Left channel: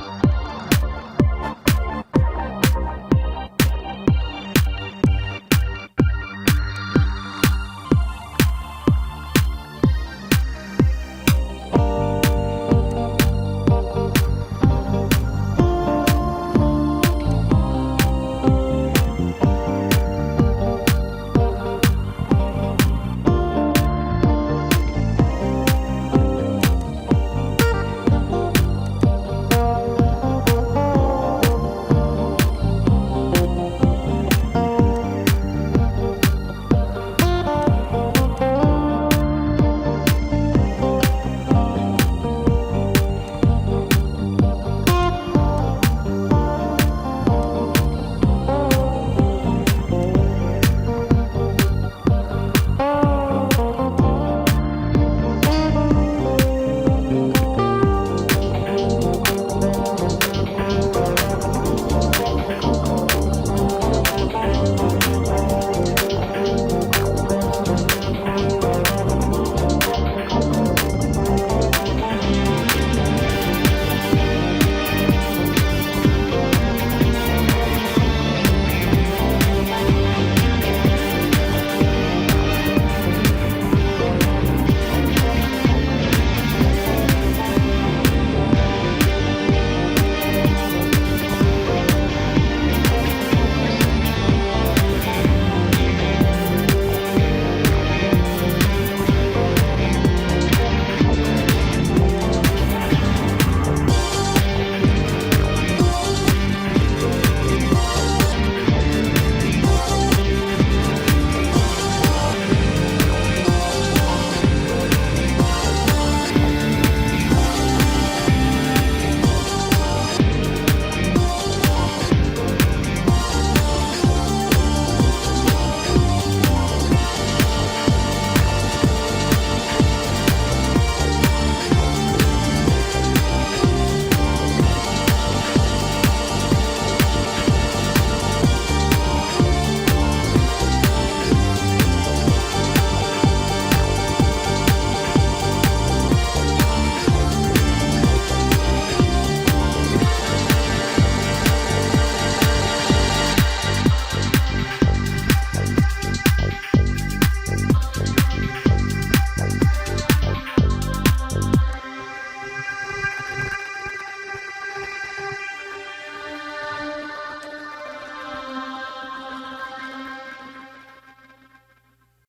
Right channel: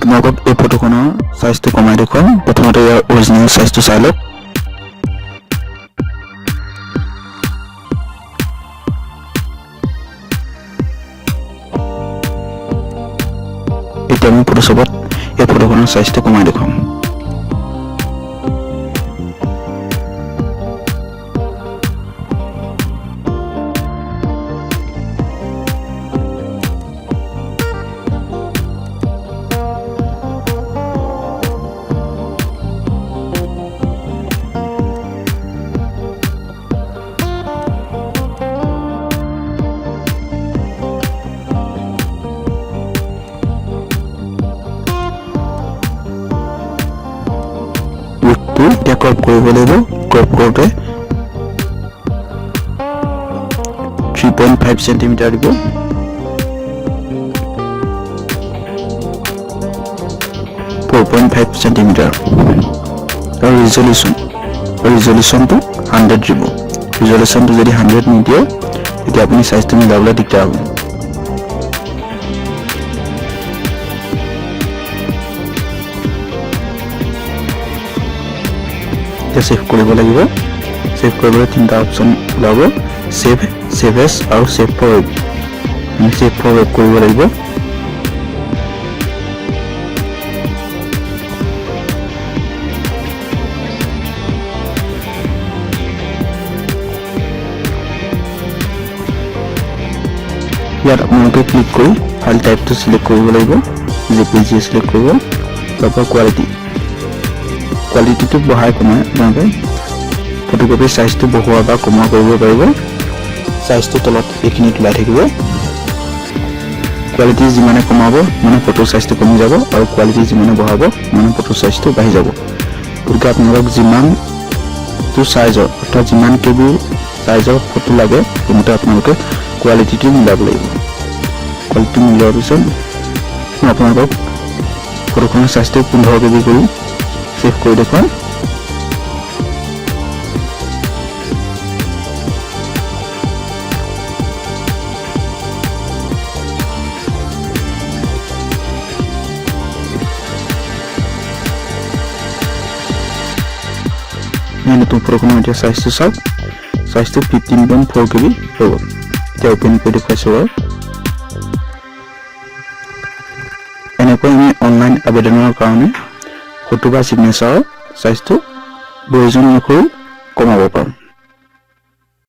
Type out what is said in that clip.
আপোনালোকক এই ফটোখনৰ সাইজটো কমাই দেখুৱাম প্ৰথমতে ইয়াৰ অৰিজিনেল সাইজটো চাই লওক এতিয়া আমি ফটোশ্বপত এই ফটোখনৰ সাইজটো কমাই দেখুৱাম crop কৰিব লাগিব crop কৰোতে 3.5 cm দিব 4.5 cm আৰু ৰিজল্যুচনটো 100 দিব ৰিজল্যুচনটো যদি 100 নিদিয়ে তেতিয়া আপুনি সাইজটো মিলাবলৈ দিগদাৰ হ'ব सेव কৰিব লাগিব সেভ কৰিবলৈ তিনটা অপচন ওলাব সেভ এজ আৰু সেভ ফৰ কৰিব লাগিব ইয়াত আপোনালোকে ক্লিক কৰি ফাইল টাইপটো সিলেক্ট কৰিব লাগিব জেপিজি সিলেক্ট কৰিব তাৰপৰা কোৱালিটিটো বঢ়াই কমাই আপোনালোকে ফটোকপি সাইজটো বঢ়োৱা বা কমোৱা কৰিব পাৰিব সাইজটো তলত এইখিনিত ওলাই থাকিব কোৱালিটি যিমানে কমাব মানে ফটো সাইজটো কমি যাব আৰু কোৱালিটি যিমানে বঢ়াব মানে ফটো সাইজটো বাঢ়ি যাব গতিকে আপোনালোকক যিমানটো সাইজৰ অৰ্থাৎ যিমান কেবি সাইজৰ ফটো লাগে তেনেকৈ আপোনালোকে কোৱালিটিটো মিলাব লাগিব কোৱালিটি মিলোৱাৰ পিছত আপোনালোকক ফটোখনৰ সাইজটো 15 কেবি কৰি সেভ কৰি দেখুৱাম নতুন ফটোখনৰ এতিয়া সাইজটো চাওক সাইজটো 15.4 কেবি হ'ব এতিয়া ওপেন কৰি দেখুৱাইছোঁ এনেকৈ আমি অনলাইন আবেদনৰ কাৰণে ফটো বা সিগনেচাৰ সাইজটো প্ৰয়োজন অনুসৰি কমাব পাৰোঁ